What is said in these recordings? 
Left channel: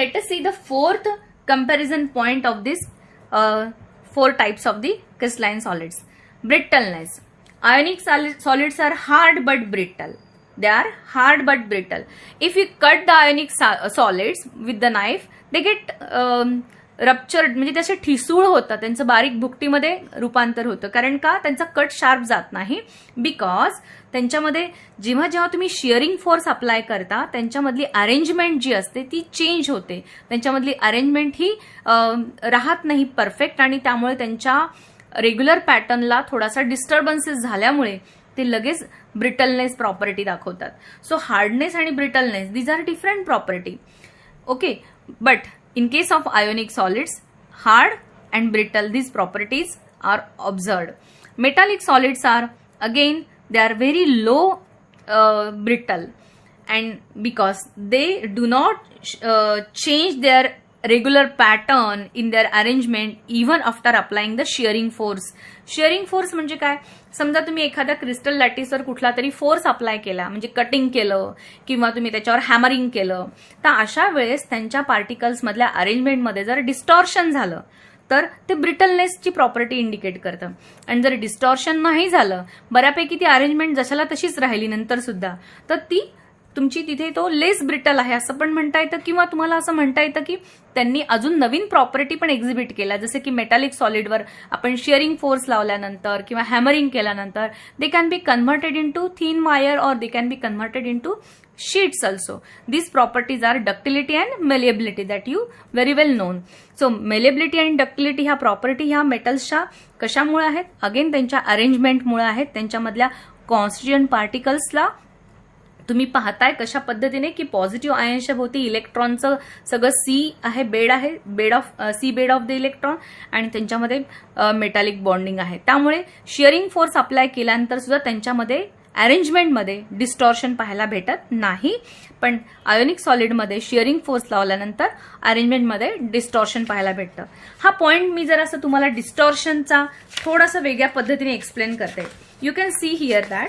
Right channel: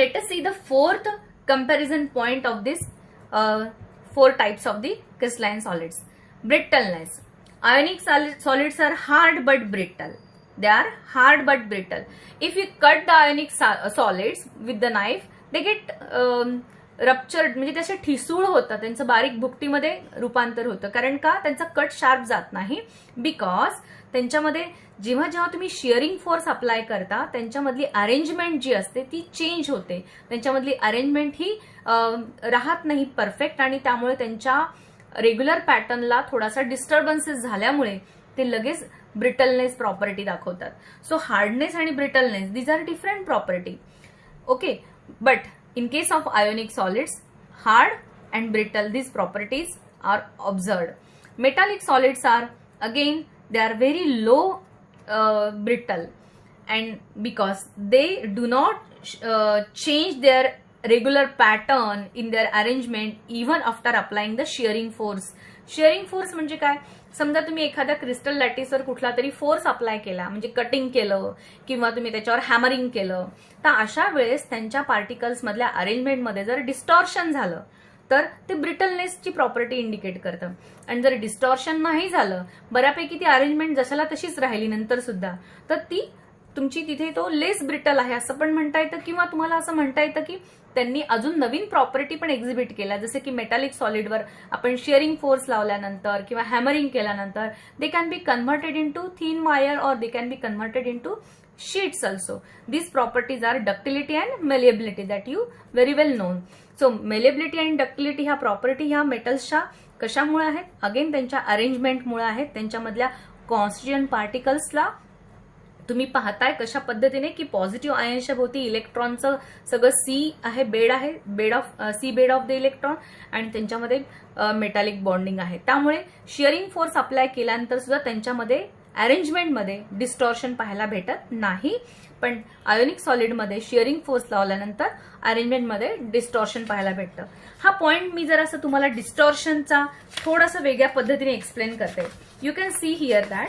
let us see the fourth comparison point of this four types of the crystalline solids. Brittleness. Ionic solids are hard but brittle. They are hard but brittle. If you cut the ionic solids with the knife, they get ruptured, म्हणजे त्याचे ठिसूळ होतात, त्यांचं बारीक भुकटीमध्ये रूपांतर होतं. कारण का? त्यांचा कट शार्प जात नाही. बिकॉज त्यांच्यामध्ये जेव्हा जेव्हा तुम्ही शिअरिंग फोर्स अप्लाय करता, त्यांच्यामधली अरेंजमेंट जी असते ती चेंज होते. त्यांच्यामधली अरेंजमेंट ही राहत नाही परफेक्ट, आणि त्यामुळे त्यांच्या रेग्युलर पॅटर्नला थोडासा डिस्टर्बन्सेस झाल्यामुळे ते लगेच ब्रिटलनेस प्रॉपर्टी दाखवतात. सो हार्डनेस आणि brittleness, these are different property. Okay, but in case of ionic solids, hard and brittle, these properties are observed. Metallic solids are, again, they are very low brittle, and because they do not change their regular pattern in their arrangement even after applying the shearing force. Shearing force म्हणजे काय? समजा तुम्ही एखाद्या crystal लॅटिसवर कुठला तरी force apply केला, म्हणजे cutting केलं किंवा तुम्ही त्याच्यावर हॅमरिंग केलं, तर अशा वेळेस त्यांच्या पार्टिकल्स मधल्या अरेंजमेंटमध्ये जर डिस्टॉर्शन झालं तर ते ब्रिटलनेसची प्रॉपर्टी इंडिकेट करतं. आणि जर डिस्टॉर्शन नाही झालं, बऱ्यापैकी ती अरेंजमेंट जशाला तशीच राहिली नंतर सुद्धा, तर ती तुमची तिथे तो लेस ब्रिटल आहे असं पण म्हणता येतं. किंवा तुम्हाला असं म्हणता येतं की त्यांनी अजून नवीन प्रॉपर्टी पण एक्झिबिट केल्या, जसे की मेटॅलिक सॉलिडवर आपण शिअरिंग फोर्स लावल्यानंतर किंवा हॅमरिंग केल्यानंतर they can be converted into thin wire or they can be converted into sheets also. These properties are ductility and malleability that you very well known. So malleability आणि ductility ह्या property ह्या मेटल्सच्या कशामुळे आहेत? Again त्यांच्या अरेंजमेंटमुळे आहेत. त्यांच्यामधल्या constituent पार्टिकल्सला तुम्ही पाहताय कशा पद्धतीने की पॉझिटिव्ह आयन्सच्या भोवती इलेक्ट्रॉनचं सगळं बेड आहे, बेड ऑफ द इलेक्ट्रॉन, आणि त्यांच्यामध्ये मेटॅलिक बॉन्डिंग आहे. त्यामुळे शिअरिंग फोर्स अप्लाय केल्यानंतर सुद्धा त्यांच्यामध्ये अरेंजमेंटमध्ये डिस्टॉर्शन पाहायला भेटत नाही. पण आयोनिक सॉलिडमध्ये शिअरिंग फोर्स लावल्यानंतर अरेंजमेंटमध्ये डिस्टॉर्शन पाहायला भेटतं. हा पॉइंट मी जर असं तुम्हाला डिस्टॉर्शनचा थोडासा वेगळ्या पद्धतीने एक्सप्लेन करते. You can see here that,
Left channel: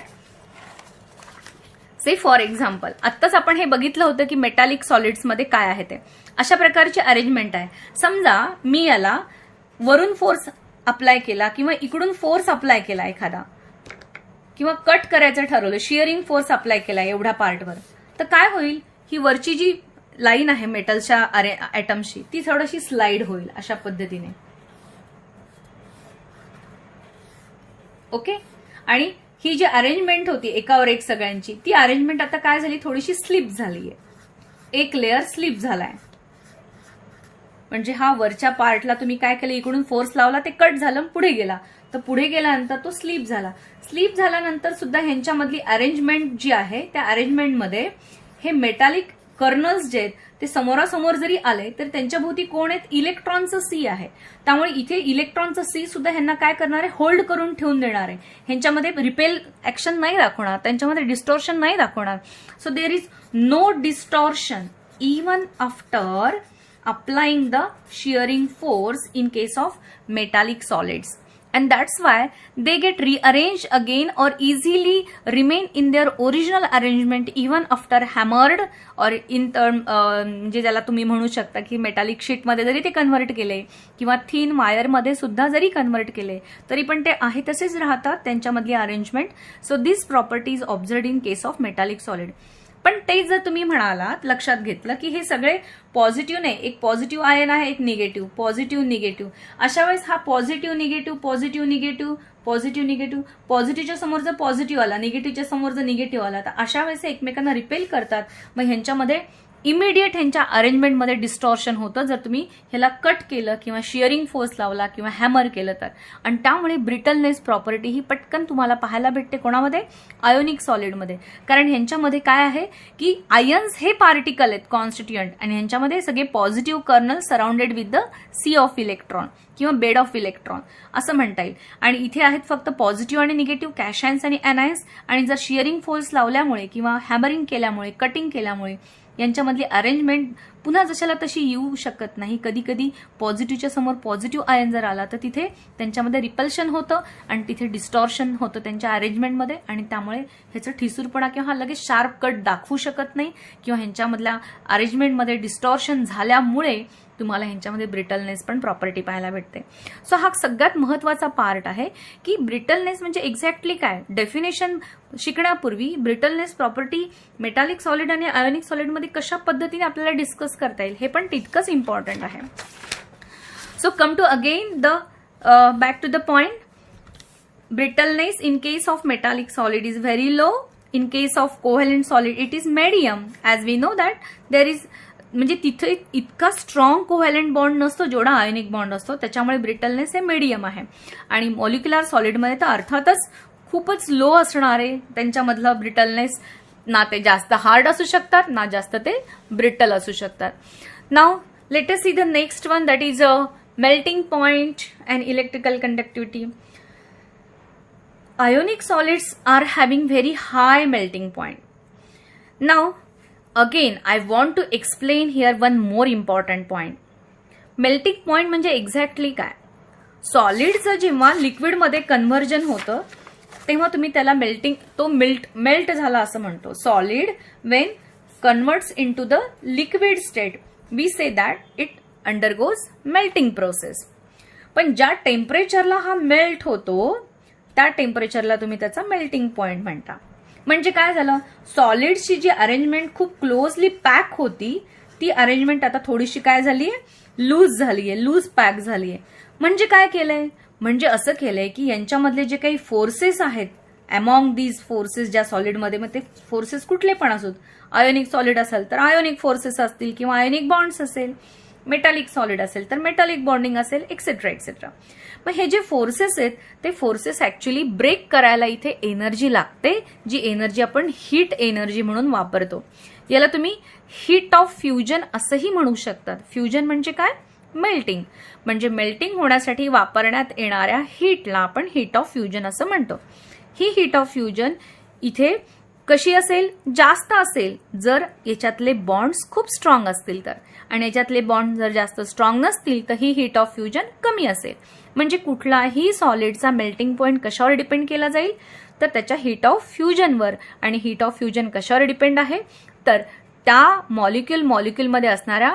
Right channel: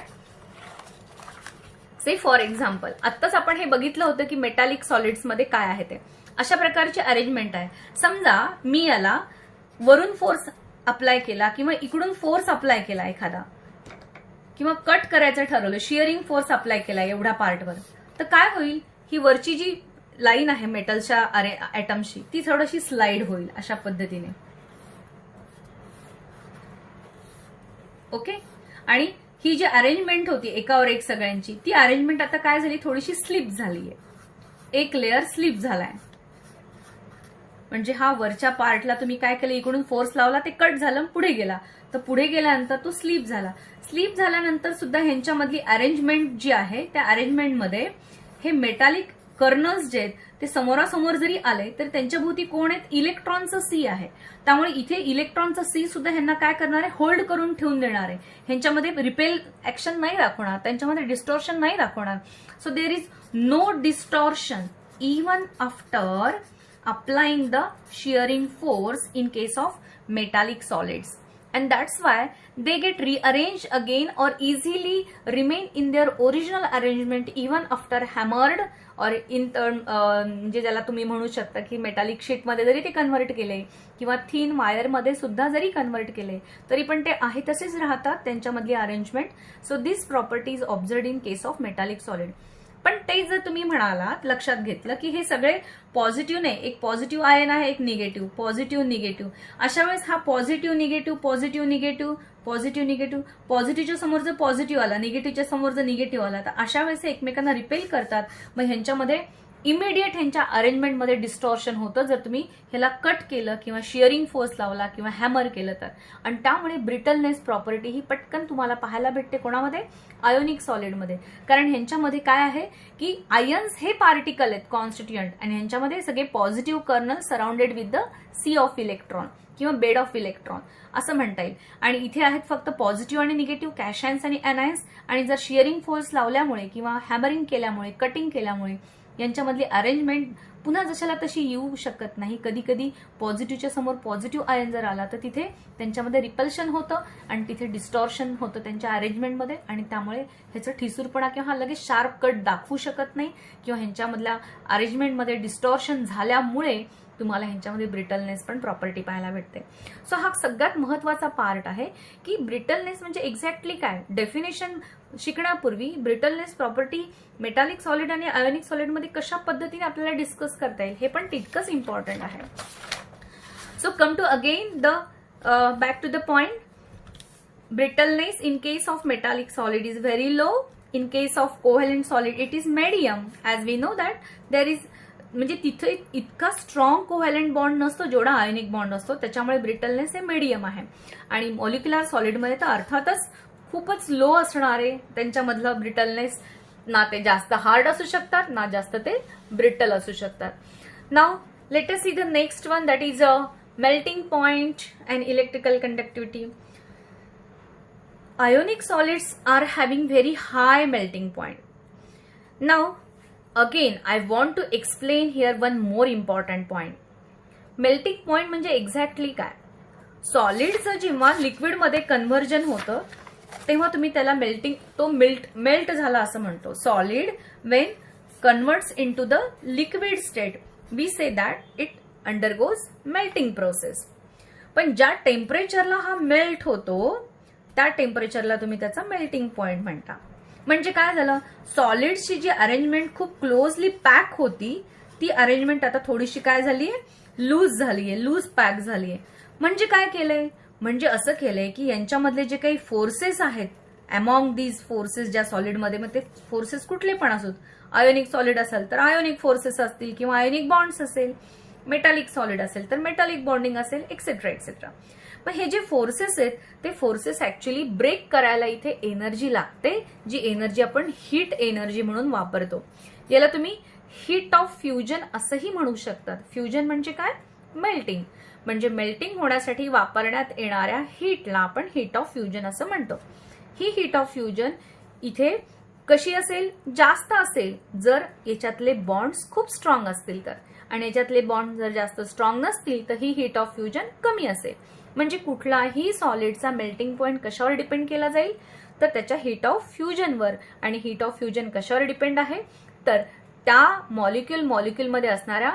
say for example, आत्ताच आपण हे बघितलं होतं की मेटॅलिक सॉलिड्समध्ये काय आहे ते. अशा प्रकारची अरेंजमेंट आहे. समजा मी याला वरून फोर्स अप्लाय केला किंवा इकडून फोर्स अप्लाय केला एखादा, किंवा कट करायचं ठरवलं, शिअरिंग फोर्स अप्लाय केला एवढ्या पार्टवर, तर काय होईल? ही वरची जी लाईन आहे मेटलच्या ॲटमची ती थोडीशी स्लाइड होईल अशा पद्धतीने. ओके, आणि ही जी अरेंजमेंट होती एकावर एक सगळ्यांची, ती अरेंजमेंट आता काय झाली? थोडीशी स्लिप झालीये, एक लेअर स्लिप झालाय. म्हणजे हा वरच्या पार्टला तुम्ही काय केलं? इकडून फोर्स लावला, ते कट झालं, पुढे गेला, तर पुढे गेल्यानंतर तो स्लिप झाला. स्लिप झाल्यानंतर सुद्धा ह्यांच्यामधली अरेंजमेंट जी आहे त्या अरेंजमेंटमध्ये हे मेटॅलिक कर्नल्स जे आहेत ते समोरासमोर जरी आले तर त्यांच्या भोवती कोण आहेत? इलेक्ट्रॉनचं सी आहे. त्यामुळे इथे इलेक्ट्रॉनचं सी सुद्धा ह्यांना काय करणार आहे? होल्ड करून ठेवून देणार आहे. ह्यांच्यामध्ये रिपेल ऍक्शन नाही दाखवणार, त्यांच्यामध्ये डिस्टॉर्शन नाही दाखवणार. So there is no distortion even after applying the shearing force in case of metallic solids. And that's why they get rearranged again or easily remain in their original arrangement even after hammered or in म्हणजे ज्याला तुम्ही म्हणू शकता की metallic शीटमध्ये जरी ते convert केले किंवा थिन वायरमध्ये सुद्धा जरी कन्व्हर्ट केले तरी पण ते आहे तसेच राहतात त्यांच्यामधली arrangement. So this property is observed in case of metallic solid. पण ते जर तुम्ही म्हणालात, लक्षात घेतलं की हे सगळे पॉझिटिव्ह नाही, एक पॉझिटिव्ह आयन आहे, एक निगेटिव्ह, पॉझिटिव्ह निगेटिव्ह, अशा वेळेस हा positive negative, positive negative, positive negative, पॉझिटिव्हच्या समोर जर पॉझिटिव्ह आला, निगेटिव्हच्या समोर जर निगेटिव्ह आला, तर अशा वेळेस एकमेकांना रिपेल करतात. मग ह्यांच्यामध्ये इमिडिएट ह्यांच्या अरेंजमेंटमध्ये डिस्टॉर्शन होतं जर तुम्ही ह्याला कट केलं किंवा शिअरिंग फोर्स लावला किंवा हॅमर केलं तर. आणि त्यामुळे ब्रिटलनेस प्रॉपर्टी ही पटकन तुम्हाला पाहायला भेटते कोणामध्ये? आयोनिक सॉलिडमध्ये. कारण ह्यांच्यामध्ये काय आहे की आयन्स हे पार्टिकल आहेत कॉन्स्टिट्युएंट, आणि ह्यांच्यामध्ये सगळे positive kernel surrounded with the sea of electron किंवा बेड ऑफ इलेक्ट्रॉन असं म्हणता येईल. आणि इथे आहेत फक्त पॉझिटिव्ह आणि निगेटिव्ह, कॅशायन्स आणि अनायन्स. आणि जर शिअरिंग फोर्स लावल्यामुळे किंवा हॅमरिंग केल्यामुळे, कटिंग केल्यामुळे यांच्यामधली अरेंजमेंट पुन्हा जशाला तशी येऊ शकत नाही. कधी कधी पॉझिटिव्हच्या समोर पॉझिटिव्ह आयन जर आला तर तिथे त्यांच्यामध्ये रिपल्शन होतं आणि तिथे डिस्टॉर्शन होतं त्यांच्या अरेंजमेंटमध्ये, आणि त्यामुळे ह्याचं ठिसूरपणा किंवा लगेच शार्प कट दाखवू शकत नाही, किंवा ह्यांच्यामधल्या अरेंजमेंटमध्ये डिस्टॉर्शन झाल्यामुळे तुम्हाला ह्यांच्यामध्ये ब्रिटलनेस पण प्रॉपर्टी पाहायला भेटते. सो हा सगळ्यात महत्वाचा पार्ट आहे की ब्रिटलनेस म्हणजे एक्झॅक्टली काय. डेफिनेशन शिकण्यापूर्वी ब्रिटलनेस प्रॉपर्टी मेटालिक सॉलिड आणि आयोनिक सॉलिडमध्ये कशा पद्धतीने आपल्याला डिस्कस करता येईल हे पण तितकंच इम्पॉर्टंट आहे. So come to again the back to the point. Brittleness in case of metallic solid is very low. In case of covalent solid it is medium. As we know that there is म्हणजे तिथे इतका strong covalent bond नसतो जेवढा ionic bond असतो, त्याच्यामुळे brittleness हे medium आहे. आणि मॉलिक्युलर सॉलिडमध्ये तर अर्थातच खूपच लो असणार आहे त्यांच्यामधलं ब्रिटलनेस. ना ते जास्त हार्ड असू शकतात ना जास्त ते ब्रिटल असू शकतात. Now let us see the next one, that is a melting point and electrical conductivity. Ionic solids are having very high melting point. Now, again, I want to explain here one more important point. Melting point म्हणजे exactly काय. सॉलिडचं जेव्हा लिक्विडमध्ये conversion होतं तेव्हा तुम्ही त्याला melt झाला असं म्हणतो. Solid when converts into the liquid state we say that it undergoes melting process. पण ज्या टेम्परेचरला हा मेल्ट होतो त्या टेम्परेचरला तुम्ही त्याचा मेल्टिंग पॉइंट म्हणता. म्हणजे काय झालं, सॉलिडची जी अरेंजमेंट खूप क्लोजली पॅक होती ती अरेंजमेंट आता थोडीशी काय झालीये, लूज झालीये, लूज पॅक झालीये. म्हणजे काय केलंय, म्हणजे असं केलंय की यांच्यामधले जे काही फोर्सेस आहेत अमॉंग दीज फोर्सेस ज्या सॉलिडमध्ये, मग ते फोर्सेस कुठले पण असोत, आयोनिक सॉलिड असेल तर आयोनिक फोर्सेस असतील किंवा आयोनिक बॉन्ड्स असेल, मेटालिक सॉलिड असेल तर मेटालिक बॉन्डिंग असेल, एक्सेट्रा एक्सेट्रा. मग हे जे फोर्सेस आहेत ते फोर्सेस ऍक्च्युली ब्रेक करायला इथे एनर्जी लागते, जी एनर्जी आपण हीट एनर्जी म्हणून वापरतो. याला तुम्ही हीट ऑफ फ्युजन असंही म्हणू शकतात. फ्युजन म्हणजे काय, मेल्टिंग. म्हणजे मेल्टिंग होण्यासाठी वापरण्यात येणाऱ्या हीटला आपण हीट ऑफ फ्युजन असं म्हणतो. ही हीट ऑफ फ्युजन इथे कशी असेल, जास्त असेल जर याच्यातले बॉन्ड्स खूप स्ट्रॉंग असतील तर, आणि याच्यातले बॉन्ड जर जास्त स्ट्रॉंग नसतील तर ही हीट ऑफ फ्युजन कमी असेल. म्हणजे कुठलाही सॉलिडचा मेल्टिंग पॉइंट कशावर डिपेंड केला जाईल तर त्याच्या हीट ऑफ फ्युजनवर. आणि हीट ऑफ फ्युजन कशावर डिपेंड आहे तर त्या मॉलिक्युलमध्ये असणाऱ्या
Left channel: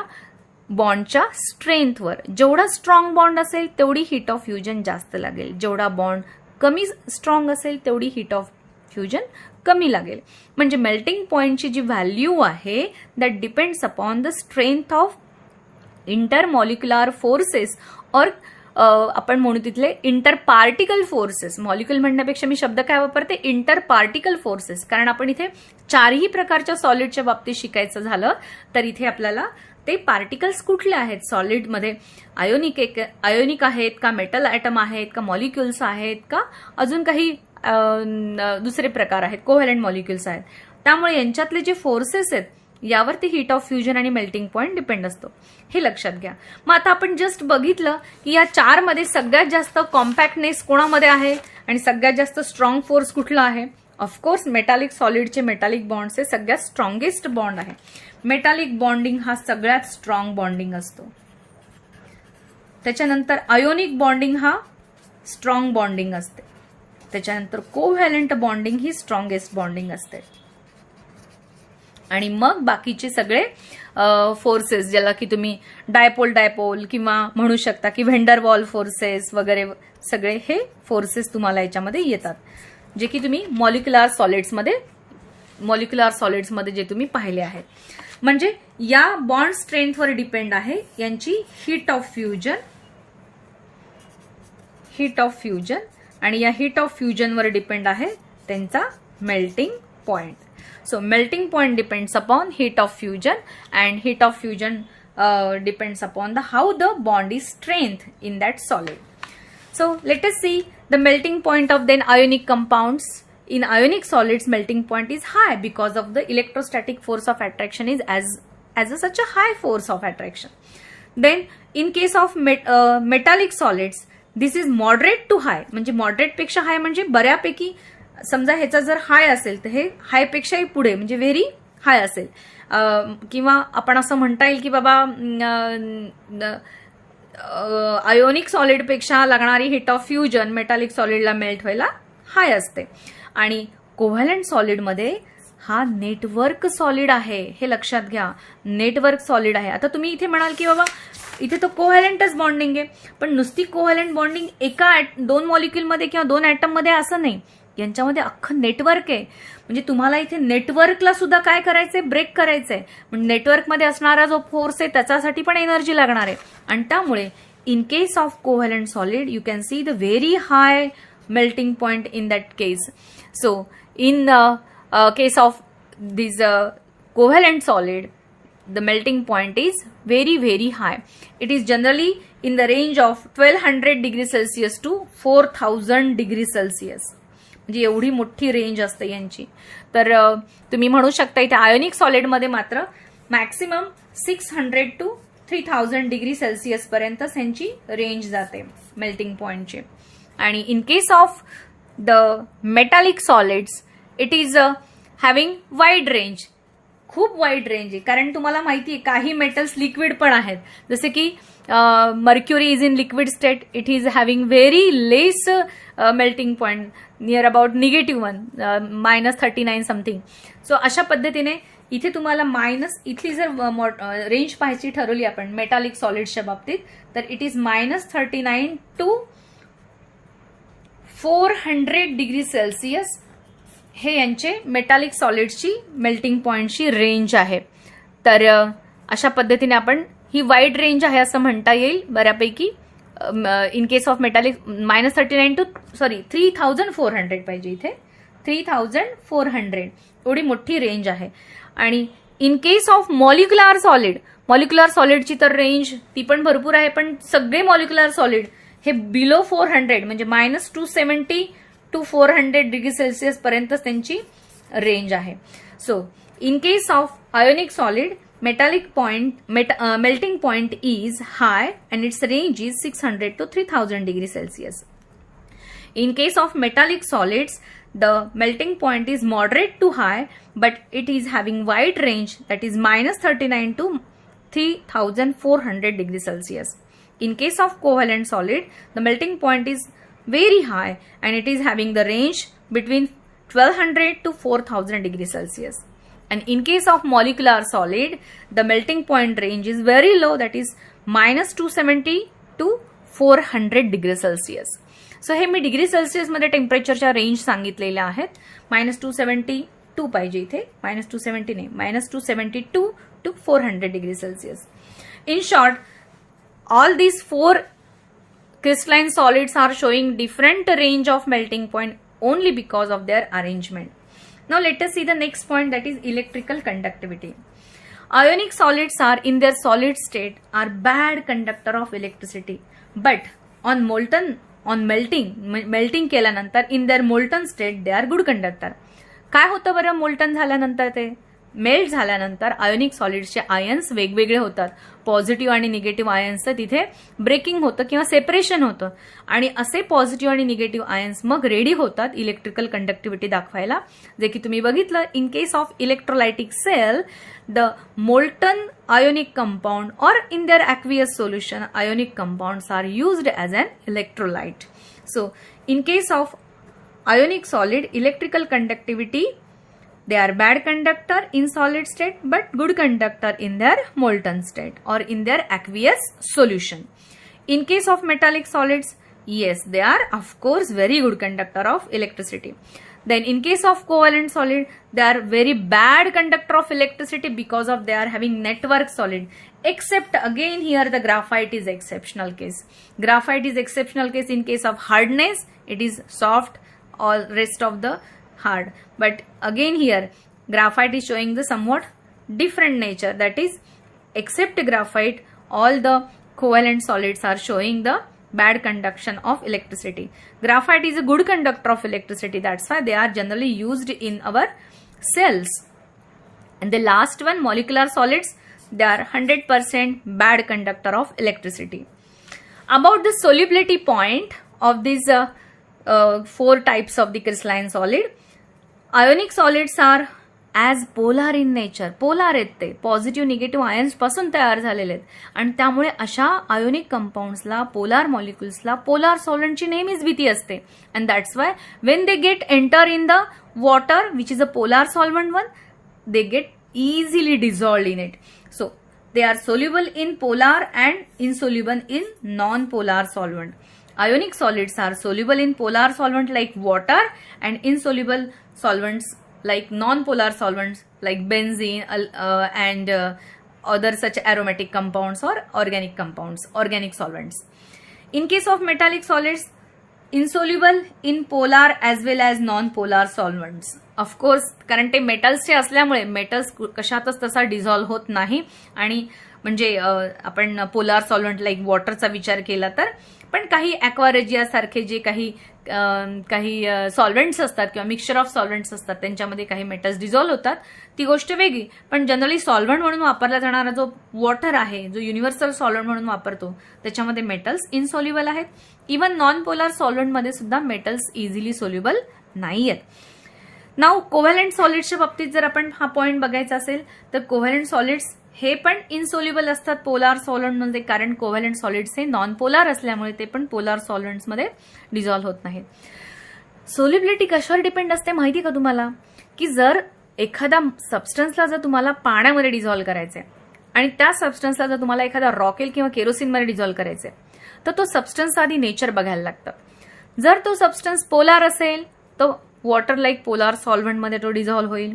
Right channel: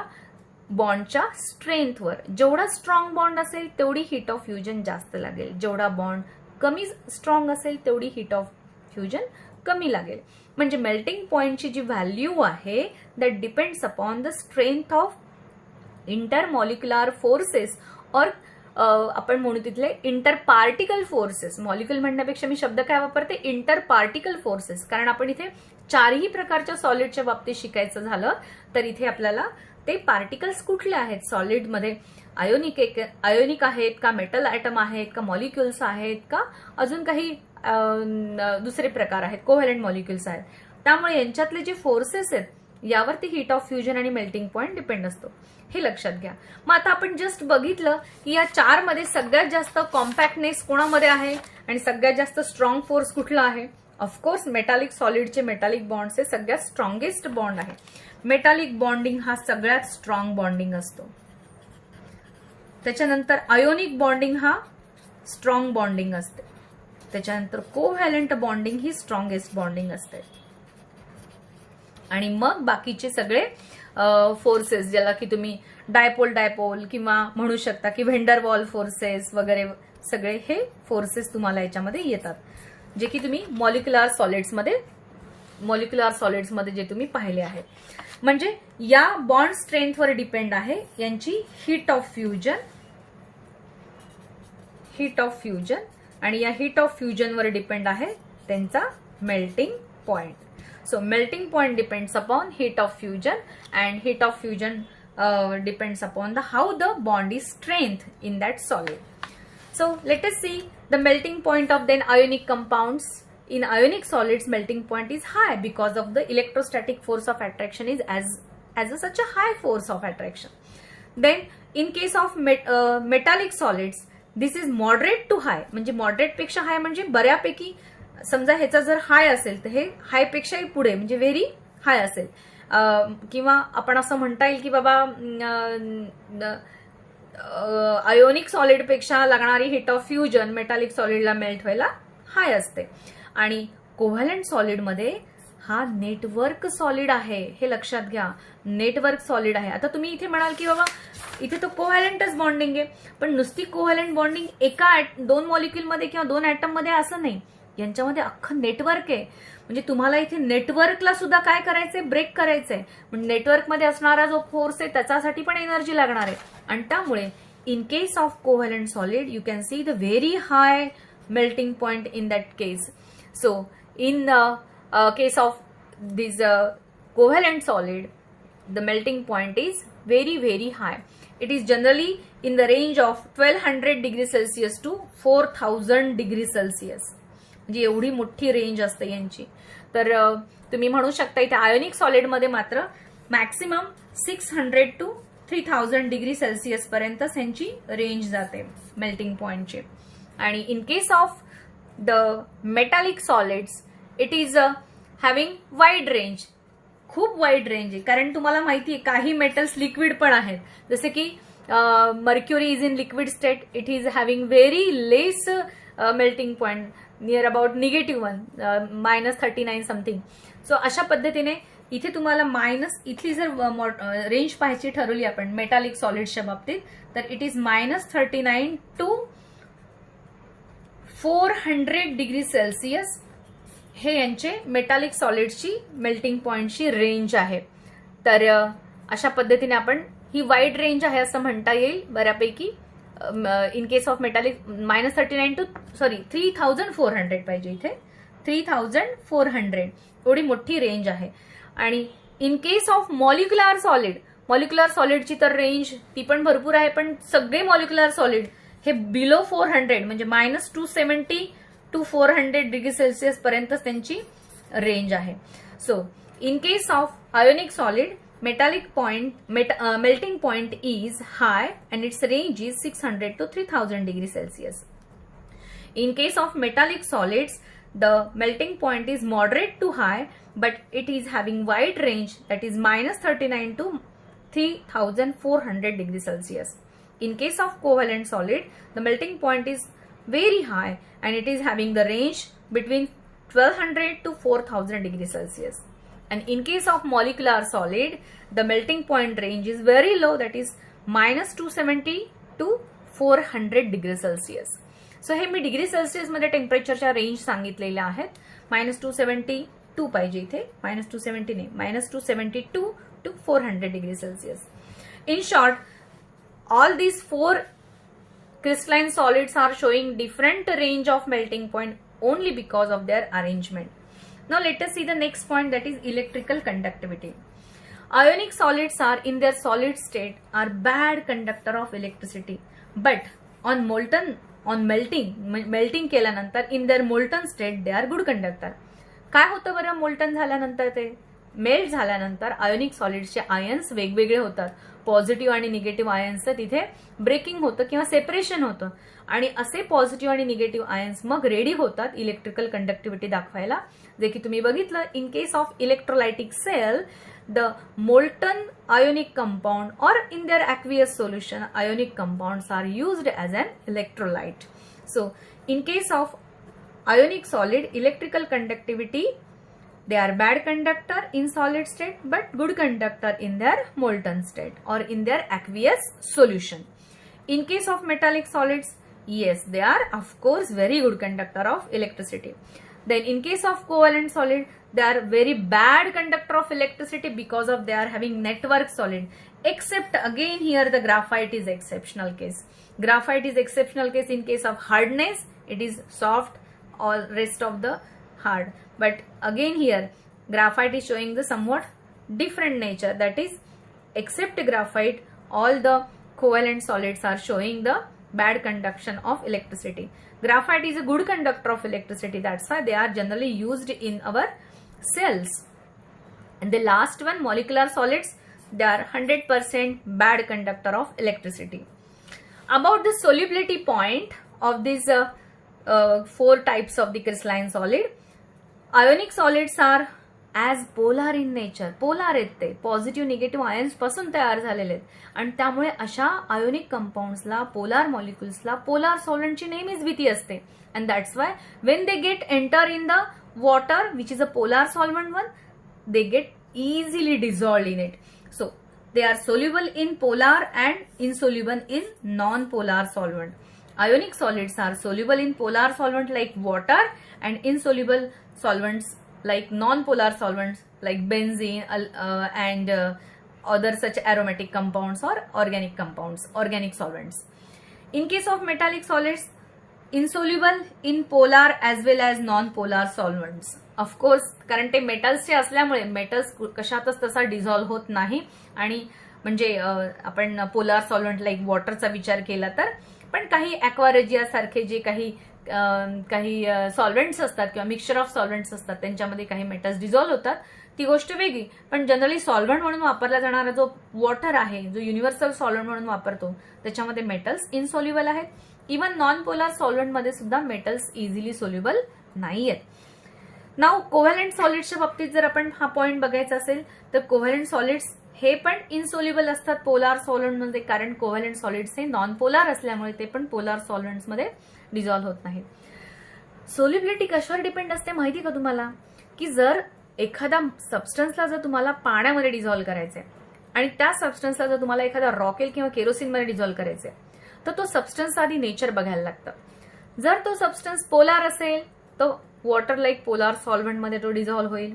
बॉन्डच्या स्ट्रेंथवर. जेवढा स्ट्रॉंग बॉन्ड असेल तेवढी हीट ऑफ फ्युजन जास्त लागेल, जेवढा बॉन्ड कमी स्ट्रॉंग असेल तेवढी हीट ऑफ फ्युजन कमी लागेल. म्हणजे मेल्टिंग पॉइंटची जी व्हॅल्यू आहे that depends upon the strength of intermolecular forces और आपण म्हणू तिथले इंटरपार्टिकल फोर्सेस. मॉलिक्युल म्हणण्यापेक्षा मी शब्द काय वापरते, इंटरपार्टिकल फोर्सेस. कारण आपण इथे चारही प्रकारच्या सॉलिडच्या बाबतीत शिकायचं झालं तर इथे आपल्याला ते पार्टिकल्स कुठले आहेत सॉलिडमध्ये, आयोनिक आहेत का, मेटल ॲटम आहेत का, मॉलिक्युल्स आहेत का, अजून काही दुसरे प्रकार आहेत, कोव्हॅलंट मॉलिक्युल्स आहेत. त्यामुळे यांच्यातले जे फोर्सेस आहेत यावरती हीट ऑफ फ्युजन आणि मेल्टिंग पॉइंट डिपेंड असतो, हे लक्षात घ्या. मग आता आपण जस्ट बघितलं की या चार मध्ये सगळ्यात जास्त कॉम्पॅक्टनेस कोणामध्ये आहे आणि सगळ्यात जास्त स्ट्रॉंग फोर्स कुठला आहे. ऑफकोर्स मेटालिक सॉलिडचे मेटालिक बॉन्ड्स हे सगळ्यात स्ट्रॉंगेस्ट बॉन्ड आहे. मेटालिक बॉन्डिंग हा सगळ्यात स्ट्रॉंग बॉन्डिंग असतो. त्याच्यानंतर आयोनिक बॉन्डिंग हा स्ट्रॉंग बॉन्डिंग असते. त्याच्यानंतर कोव्हॅलंट बॉन्डिंग ही स्ट्रॉंगेस्ट बॉन्डिंग असते. आणि मग बाकीचे सगळे फोर्सेस ज्याला की तुम्ही डायपोल किंवा म्हणू शकता की व्हेंडर वॉल फोर्सेस वगैरे सगळे हे फोर्सेस तुम्हाला याच्यामध्ये येतात, जे की तुम्ही मॉलिक्युलर सॉलिड्समध्ये जे तुम्ही पाहिले आहेत. म्हणजे या बॉन्ड स्ट्रेंथवर डिपेंड आहे यांची हीट ऑफ फ्युजन आणि या हीट ऑफ फ्युजनवर डिपेंड आहे त्यांचा melting point. So melting point depends upon heat of fusion and heat of fusion depends upon how the bond is strength in that solid. So let us see the melting point of then ionic compounds. In ionic solids melting point is high because of the electrostatic force of attraction is such a high force of attraction. Then in case of metallic solids this is moderate to high. म्हणजे moderate पेक्षा high म्हणजे बऱ्यापैकी, समजा ह्याचा जर हाय असेल तर हे हाय पेक्षाही पुढे म्हणजे व्हेरी हाय असेल. किंवा आपण असं म्हणता येईल की बाबा आयोनिक सॉलिडपेक्षा लागणारी हिट ऑफ फ्युजन मेटालिक सॉलिडला मेल्ट व्हायला हाय असते. आणि कोव्हॅलंट सॉलिडमध्ये हा नेटवर्क सॉलिड आहे, हे लक्षात घ्या, नेटवर्क सॉलिड आहे. आता तुम्ही इथे म्हणाल की बाबा इथे तर कोव्हॅलंटच बॉन्डिंग आहे, पण नुसती कोव्हॅलंट बॉन्डिंग एका 2 मॉलिक्युलमध्ये किंवा 2 ॲटममध्ये असं नाही, यांच्यामध्ये अख्खं नेटवर्क आहे. म्हणजे तुम्हाला इथे नेटवर्कला सुद्धा काय करायचंय, ब्रेक करायचंय. म्हणजे नेटवर्कमध्ये असणारा जो फोर्स आहे त्याच्यासाठी पण एनर्जी लागणार आहे. आणि त्यामुळे in case of covalent solid you can see the very high melting point in that case. So in case of this covalent solid, the melting point is very very high. It is generally in the range of 1200 degrees Celsius to 4000 degrees Celsius. म्हणजे एवढी मोठी range असते यांची. तर तुम्ही म्हणू शकता इथे आयोनिक सॉलिडमध्ये मात्र मॅक्सिमम 600 to 3000 डिग्री सेल्सिअस पर्यंत यांची रेंज जाते मेल्टिंग पॉइंटची. आणि in case of the metallic solids it is having wide range, खूप वाईड रेंज आहे. कारण तुम्हाला माहिती आहे काही मेटल्स लिक्विड पण आहेत, जसे की mercury is in liquid state, it is having very less melting point near about -1 -39 something. So अशा पद्धतीने इथे तुम्हाला इथली जर रेंज पाहायची ठरवली आपण मेटालिक सॉलिड्सच्या बाबतीत तर it is -39 to 400 degree Celsius हे यांचे मेटालिक सॉलिड्सची मेल्टिंग पॉइंटची रेंज आहे. तर अशा पद्धतीने आपण ही वाईड रेंज आहे असं म्हणता येईल बऱ्यापैकी. In case of metallic -39 to 3400 पाहिजे इथे, 3400 एवढी मोठी रेंज आहे. आणि इन केस ऑफ मॉलिक्युलर सॉलिडची तर रेंज ती पण भरपूर आहे, पण सगळे मॉलिक्युलर सॉलिड हे बिलो 400 म्हणजे -270 to 400 डिग्री सेल्सिअस पर्यंत त्यांची रेंज आहे. So in case of ionic solid melting point is high and its range is 600 to 3000 degree Celsius. In case of metallic solids, the melting point is moderate to high, but it is having wide range, that is -39 to 3400 degree Celsius. In case of covalent solid, the melting point is very high and it is having the range between 1200 to 4000 degree Celsius. And in case of molecular solid, the melting point range is very low, that is -270 to 400 degree Celsius. So हे मी degree Celsius मध्ये टेम्परेचरच्या range सांगितलेल्या आहेत. -272 पाहिजे इथे, -270 नाही, -272 to 400 degree Celsius. In short, all these 4 crystalline solids are showing different range of melting point only because of their arrangement. Now let us see the next point, that is electrical conductivity. Ionic solids are in their solid state are bad conductor of electricity, but on melting केल्यानंतर in their molten state they are good conductor. काय होतं बरं molten झाल्यानंतर, ते melt झाल्यानंतर ionic सॉलिड्सचे ions वेगवेगळे होतात. Positive आणि निगेटिव्ह आयन्सचं तिथे ब्रेकिंग होतं किंवा सेपरेशन होतं, आणि असे पॉझिटिव्ह आणि निगेटिव्ह आयन्स मग रेडी होतात इलेक्ट्रिकल कंडक्टिव्हिटी दाखवायला, जे की तुम्ही बघितलं. In case of electrolytic cell, the molten ionic compound or in their aqueous solution ionic compounds are used as an electrolyte. So in case of ionic solid electrical conductivity, they are bad conductor in solid state but good conductor in their molten state or in their aqueous solution. In case of metallic solids, yes, they are of course very good conductor of electricity. Then in case of covalent solid, they are very bad conductor of electricity because of they are having network solid, except again here the graphite is exceptional case. Graphite is exceptional case in case of hardness, it is soft, all rest of the hard, but again here graphite is showing the somewhat different nature, that is except graphite all the covalent solids are showing the bad conduction of electricity. Graphite is a good conductor of electricity, that's why they are generally used in our cells. And the last one, molecular solids, they are 100% bad conductor of electricity. About the solubility point of these 4 types of the crystalline solid, ionic solids are as polar in nature. Polar आहेत ते, positive negative ions पासून तयार झालेले आहेत आणि त्यामुळे अशा ionic कंपाऊंड्सला, polar मॉलिक्युल्सला polar सॉल्व्हंटची नेहमीच भीती असते. And that's why when they get enter in the water which is a polar solvent one, they get easily dissolved in it. So they are soluble in polar and insoluble in non-polar solvent. Ionic solids are soluble in polar solvent like water and insoluble solvents like non-polar solvents like benzene and other such aromatic compounds or organic compounds, organic solvents. In case of metallic solids, insoluble in polar as well as non-polar solvents. Of course, कारण ते मेटल्सचे असल्यामुळे metals कशातच तसा dissolve होत नाही. आणि म्हणजे आपण polar solvent like वॉटरचा विचार केला तर, पण काही ॲक्वारेजिया सारखे जे काही सॉल्व्हेंट्स असतात किंवा मिक्सचर ऑफ सॉल्व्हेंट्स असतात त्यांच्यामध्ये काही मेटल्स डिझॉल्व्ह होतात, ती गोष्ट वेगळी. पण जनरली सॉल्व्हंट म्हणून वापरला जाणारा जो वॉटर आहे, जो युनिव्हर्सल सॉल्व्हंट म्हणून वापरतो, त्याच्यामध्ये मेटल्स इनसोल्युबल आहेत. इव्हन नॉन पोलार सॉल्व्हंटमध्ये सुद्धा मेटल्स इझिली सोल्युबल नाही आहेत. नाव कोव्हॅलंट सॉलिड्सच्या बाबतीत जर आपण हा पॉईंट बघायचा असेल तर कोव्हॅलंट सॉलिड्स हे पण इनसोल्युबल असतात पोलार सॉल्व्हंटमध्ये, कारण कोव्हॅलंट सॉलिड्स हे नॉन पोलार असल्यामुळे ते पण पोलार सॉल्व्हंट्समध्ये डिझॉल्व्ह होत नाहीत. सोल्युबिलिटी कशावर डिपेंड असते माहिती का तुम्हाला? की जर एखादा सबस्टन्सला जर तुम्हाला पाण्यामध्ये डिझॉल्व्ह करायचंय आणि त्या सबस्टन्सला जर तुम्हाला एखादा रॉकेल किंवा केरोसिनमध्ये डिझॉल्व्ह करायचंय तर तो सबस्टन्स आधी नेचर बघायला लागतं. जर तो सबस्टन्स पोलार असेल तर वॉटर लाईक पोलार सॉल्व्हंटमध्ये तो डिझॉल्व्ह होईल.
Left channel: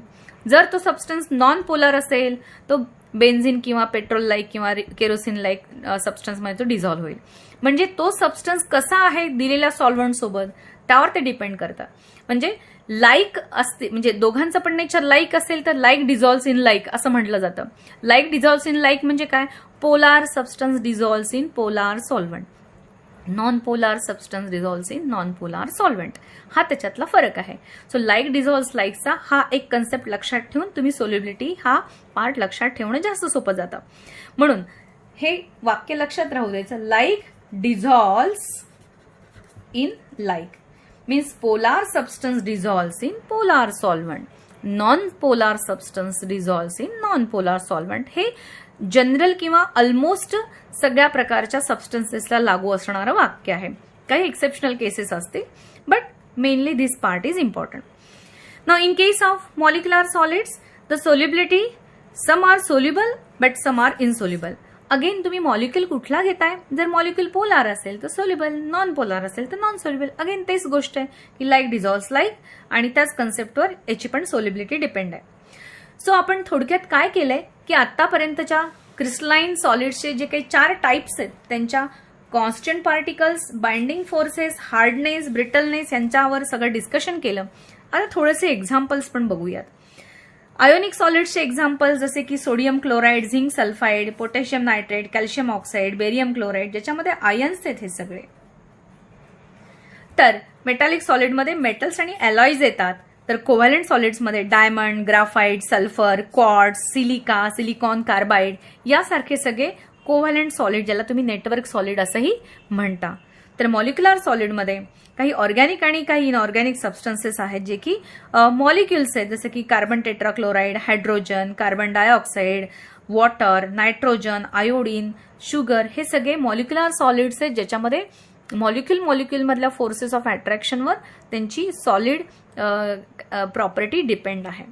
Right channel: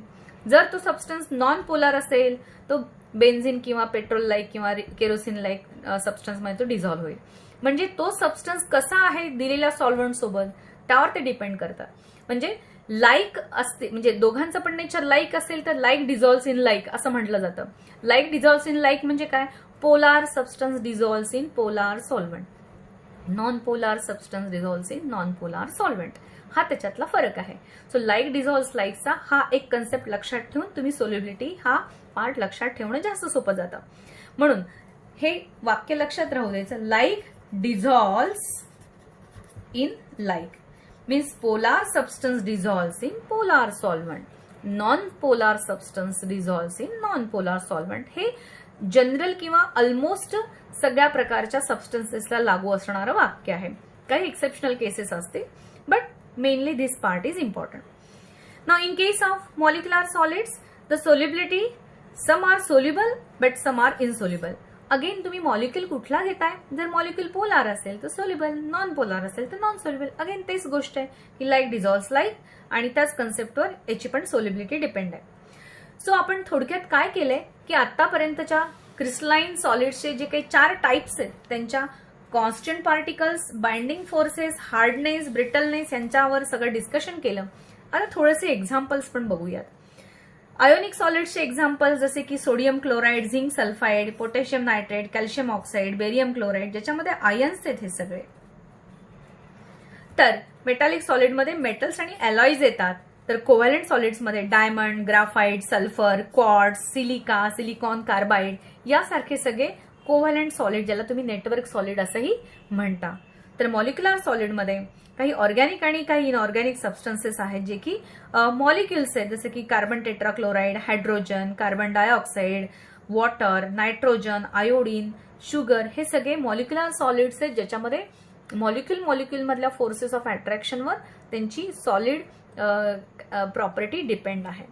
जर तो सबस्टन्स नॉन पोलार असेल तो बेन्झिन किंवा पेट्रोल लाईक किंवा केरोसिन लाईक सबस्टन्समध्ये तो डिझॉल्व्ह होईल. म्हणजे तो सबस्टन्स कसा आहे दिलेल्या सॉल्व्हंट सोबत त्यावर ते डिपेंड करतात. म्हणजे लाईक असते, म्हणजे दोघांचं पण नेचर लाईक असेल तर लाईक डिझॉल्व्स इन लाईक असं म्हटलं जातं. लाईक डिझॉल्व्स इन लाईक म्हणजे काय? Polar substance dissolves in polar solvent, non polar substance dissolves in non polar solvent. हा त्याच्यातला फरक आहे. सो लाईक डिझॉल्व्स लाईकचा हा एक कन्सेप्ट लक्षात ठेवून तुम्ही सोल्युबिलिटी हा पार्ट लक्षात ठेवणं जास्त सोपं जातं. म्हणून हे वाक्य लक्षात राहू द्यायचं. Like dissolves in like means polar substance dissolves in polar solvent, non polar substance dissolves in non polar solvent. हे जनरल किंवा ऑलमोस्ट सगळ्या प्रकारच्या सबस्टन्सेसला लागू असणारं वाक्य आहे. काही एक्सेप्शनल केसेस असते, but mainly this part is important. Now in case of molecular solids, the solubility, some are soluble but some are insoluble. Again तुम्ही मॉलिक्युल कुठला घेताय? जर मॉलिक्युल पोलार असेल तर सोल्युबल, नॉन पोलार असेल तर नॉन सोल्युबल. अगेन तेच गोष्ट आहे की लाईक डिझॉल्व्स लाईक आणि त्याच कन्सेप्टवर याची पण सोल्युबिलिटी डिपेंड आहे. सो आपण थोडक्यात काय केलंय की आतापर्यंतच्या क्रिस्टलाइन सॉलिड्सचे जे काही 4 टाइप्स आहेत त्यांच्या constant particles, binding forces, hardness, brittleness यांच्यावर सगळं डिस्कशन केलं. आता थोडेसे एक्झाम्पल्स पण बघूयात. आयोनिक सॉलिड्सचे एक्झाम्पल्स जसे की sodium chloride, zinc sulphide, potassium nitrate, calcium oxide, barium chloride, ज्याच्यामध्ये आयन्स आहेत हे सगळे. तर मेटॅलिक सॉलिडमध्ये मेटल्स आणि अलॉईज येतात. तर कोव्हॅलंट सॉलिड्समध्ये diamond, graphite, sulphur, quartz, silica, silicon carbide यासारखे सगळे कोव्हॅलंट सॉलिड, ज्याला तुम्ही नेटवर्क सॉलिड असंही म्हणता. तर मॉलिक्युलर सॉलिडमध्ये काही ऑर्गॅनिक आणि काही इनऑर्गॅनिक सबस्टन्सेस आहेत जे की मॉलिक्युल्स आहेत, जसे की carbon tetrachloride, hydrogen, carbon dioxide, water, nitrogen, iodine, sugar, हे सगळे मॉलिक्युलर सॉलिड्स आहेत ज्याच्यामध्ये मॉलिक्युल मधल्या फोर्सेस ऑफ अट्रॅक्शनवर त्यांची सॉलिड प्रॉपर्टी डिपेंड आहे.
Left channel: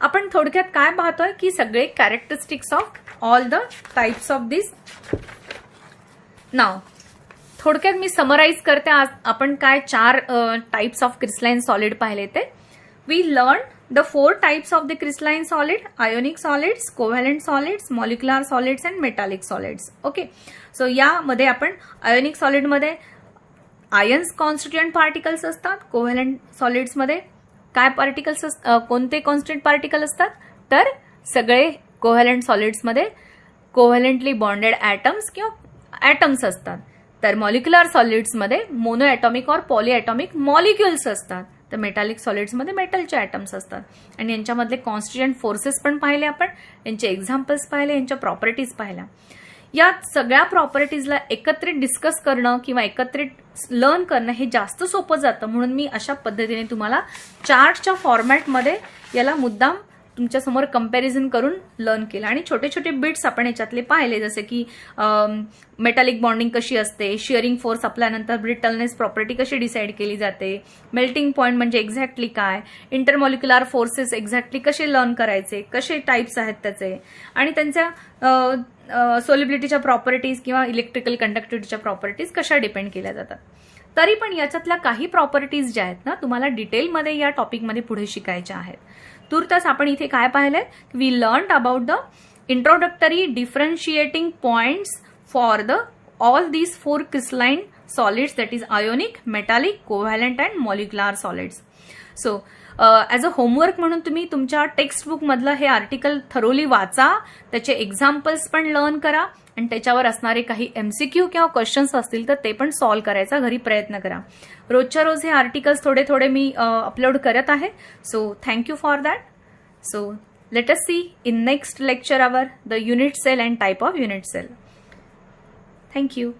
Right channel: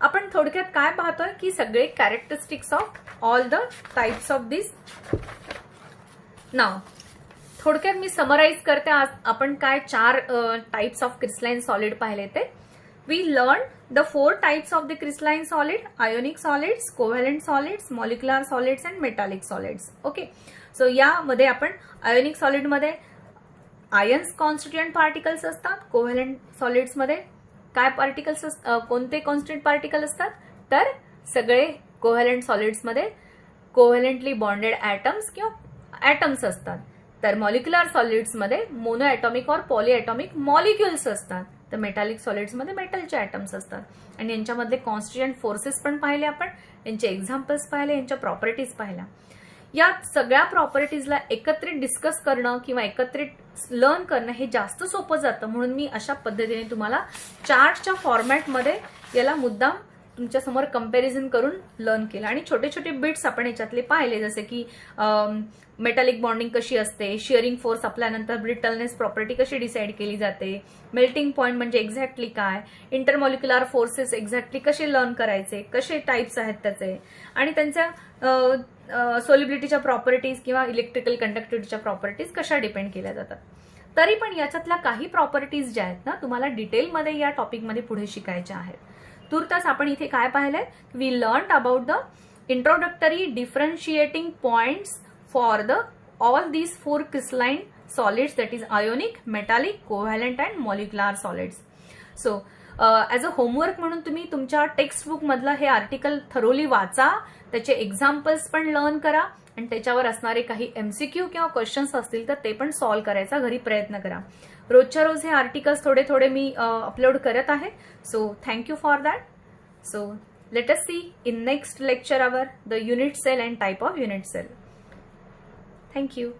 आपण थोडक्यात काय पाहतोय की सगळे characteristics of all the types of this. नाव थोडक्यात मी समराइज करते. आज आपण काय 4 टाइप्स ऑफ क्रिस्टलाइन सॉलिड पाहिले ते. We learn the 4 types of the crystalline solid: ionic solids, covalent solids, molecular solids and metallic solids. Okay, so यामध्ये आपण आयोनिक सॉलिडमध्ये आयन्स कॉन्स्टिट्युएंट पार्टिकल्स असतात. कोव्हॅलंट सॉलिड्समध्ये काय पार्टिकल्स कोणते कॉन्स्टंट पार्टिकल असतात? तर सगळे कोव्हॅलंट सॉलिड्समध्ये कोव्हॅलंटली बॉन्डेड ॲटम्स किंवा ॲटम्स असतात. तर मॉलिक्युलर सॉलिड्समध्ये मोनो ॲटॉमिक और पॉली ॲटॉमिक मॉलिक्युल्स असतात. तर मेटालिक सॉलिड्समध्ये मेटलचे ॲटम्स असतात. आणि यांच्यामधले कॉन्स्टिट्युएंट फोर्सेस पण पाहिले आपण, यांचे एक्झाम्पल्स पाहिले, यांच्या प्रॉपर्टीज पाहिल्या. या सगळ्या प्रॉपर्टीजला एकत्रित डिस्कस करणं किंवा एकत्रित लर्न करणं हे जास्त सोपं जातं. म्हणून मी अशा पद्धतीने तुम्हाला चार्टच्या फॉर्मॅटमध्ये याला मुद्दाम तुमच्यासमोर कंपॅरिझन करून लर्न केलं आणि छोटे छोटे बिट्स आपण याच्यातले पाहिले, जसे की मेटॅलिक बॉन्डिंग कशी असते, शिअरिंग फोर्स आपल्यानंतर ब्रिटलनेस प्रॉपर्टी कशी डिसाईड केली जाते, मेल्टिंग पॉईंट म्हणजे एक्झॅक्टली काय, इंटरमॉलिक्युलर फोर्सेस एक्झॅक्टली कसे लर्न करायचे, कसे टाईप्स आहेत त्याचे, आणि त्यांच्या सोलिबिलिटीच्या प्रॉपर्टीज किंवा इलेक्ट्रिकल कंडक्टिव्हिटीच्या प्रॉपर्टीज कशा डिपेंड केल्या जातात. तरी पण याच्यातल्या काही प्रॉपर्टीज ज्या आहेत ना, तुम्हाला डिटेलमध्ये या टॉपिकमध्ये पुढे शिकायच्या आहेत. तुर्तास आपण इथे काय पाहिलंय, we learn about the introductory differentiating points for the all these 4 crystalline solids, that is ionic, metallic, covalent and molecular solids. So as a homework म्हणून तुम्ही तुमच्या टेक्स्टबुक मधलं हे आर्टिकल थरोली वाचा, त्याचे एक्झाम्पल्स पण लर्न करा आणि त्याच्यावर असणारे काही MCQ किंवा क्वेश्चन्स असतील तर ते पण सॉल्व्ह करायचा घरी प्रयत्न करा. रोजच्या रोज हे आर्टिकल्स थोडे थोडे मी अपलोड करत आहे. So thank you for that. So let us see in next lecture our the unit cell and type of unit cell. Thank you.